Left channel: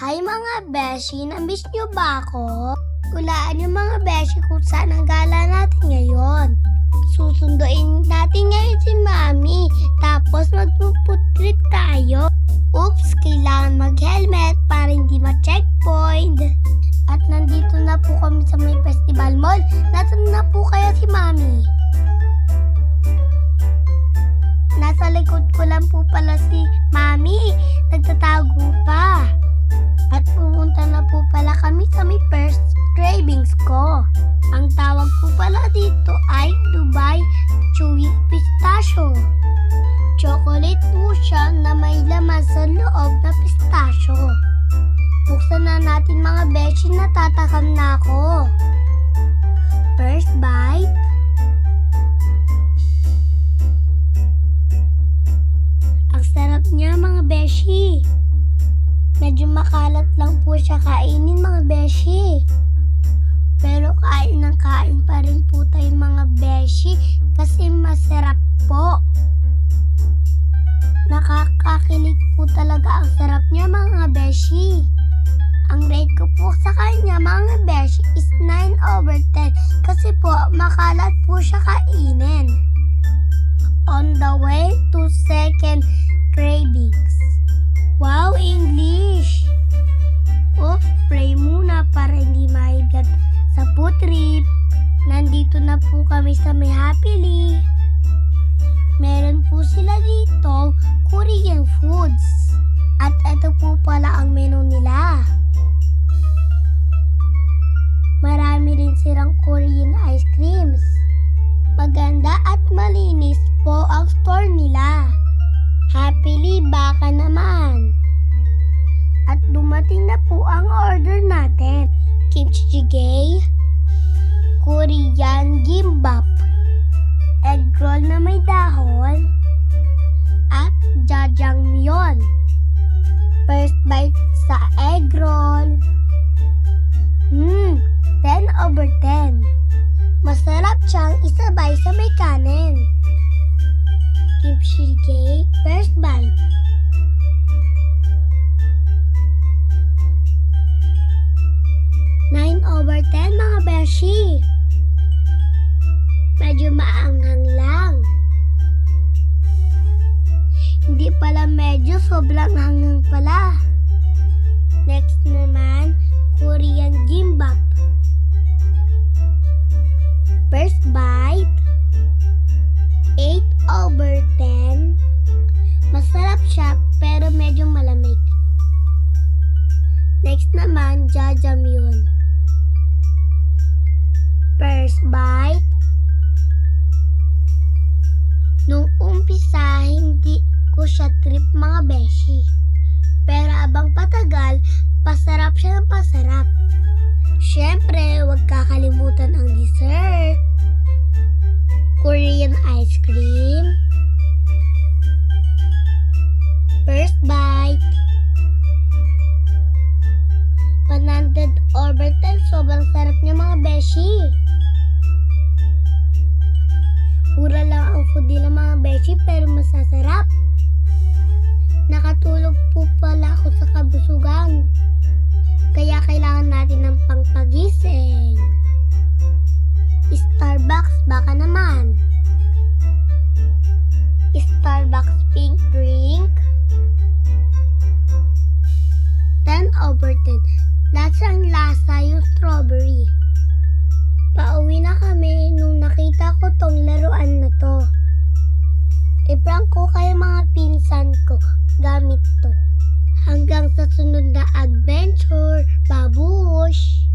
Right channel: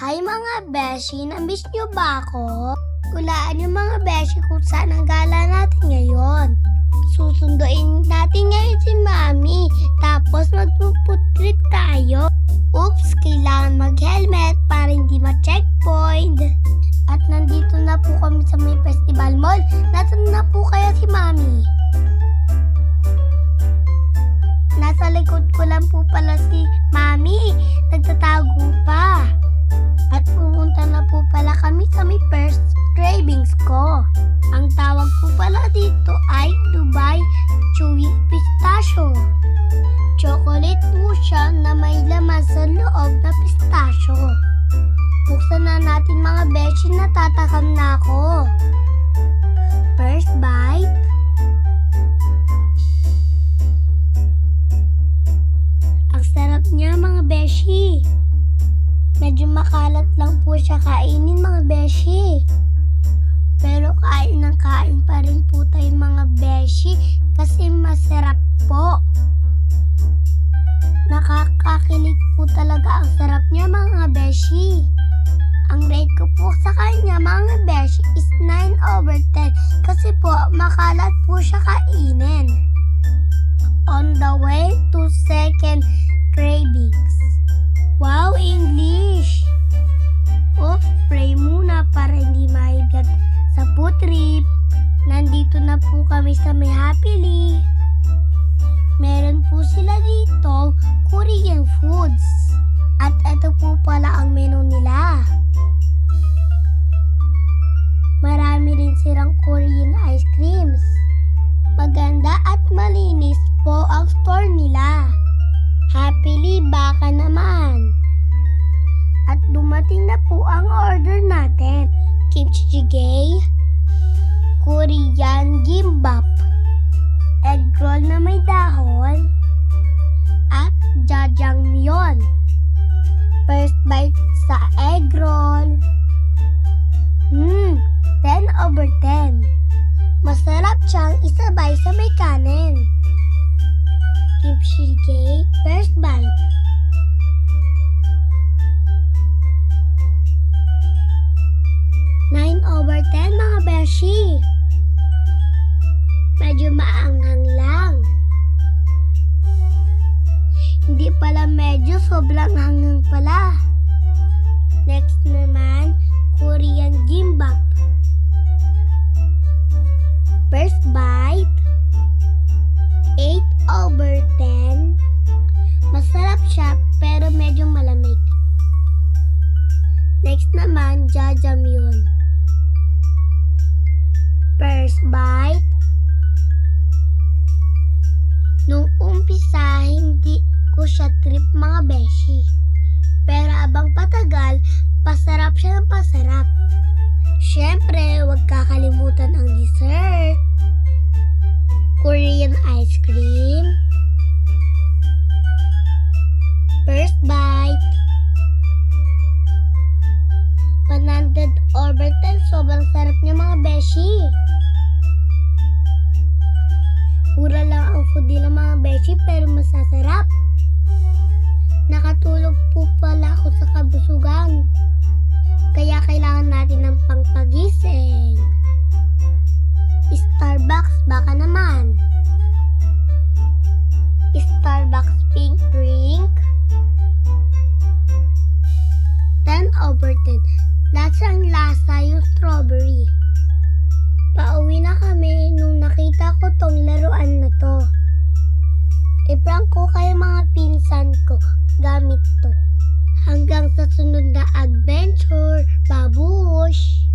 Hi mga beshi, na-miss nyo ba ako? Hulaan yung mga beshi kung saan ang gala natin ngayon. Susunduin natin ngayon si Mami, tapos magpuputrip trip tayo. Oops, kailangan mag-helmet para hindi ma-checkpoint. At nandito na po kami sa may festival mall. Nasaan na po kaya si Mami? Nasa likod ko lang po pala si Mami. Nagtatago pa. At pumunta na po pala kami sa may first cravings ko. Ang tawag po pala dito ay Dubai Chewy Pistachio. Chocolate po siya na may laman sa loob na pistachio. Buksan na natin mga beshi, natatakam na ako. First bite. Ang sarap niya mga beshi. Medyo makalat lang po siya kainin mga beshi. Pero kain ng kain pa rin po tayo mga beshi kasi masarap po. Nakakakilig po talaga ang sarap niya mga beshi. Ang rate ko po sa kanya mga beshi is 9/10 kasi po makalat po siya kainin. On the way to second cravings. Wow, English! Oops, pray muna para hindi mahigad sa food trip. Nandito na po kami sa may Happily. Meron po sila dito Korean foods. At ito po pala ang menu nila. Marami rin silang Korean ice creams. Maganda at malinis po ang store nila. Happily baka naman. At dumating na po ang order natin. Kimchi jjigae, Korean gimbap, egg roll na may dahon, at jjajangmyeon. First bite sa egg roll. 10/10. Masarap siyang isabay sa may kanin. Kimchi jjigae, first bite. Nine over 10 mga beshi. Medyo maanghang lang. Hindi pala medyo, sobrang hangang pala. Next naman, Korean gimbap. First bite. 8/10. Masarap siya pero medyo malamig. Next naman, jjajangmyeon. First bite. Nung umpisa, hindi ko siya trip mga beshi. Pero abang patagal, pasarap siya ng pasarap. Siyempre, huwag kakalimutan ang dessert. Korean ice cream. First bite. 100/10, sobrang sarap niya mga beshi. Mura lang ang food nila mga beshi pero masasarap. Nakatulog po pala ako sa kabusugan. Kaya kailangan natin ng pangpagising. Starbucks baka naman. Starbucks pink drink. 10/10. Lasang-lasa yung strawberry. Pauwi na kami nung nakita ko tong laruan na to. I-prank ko kayo mga pinsan ko gamit to. Hanggang sa sunod na adventure, babush!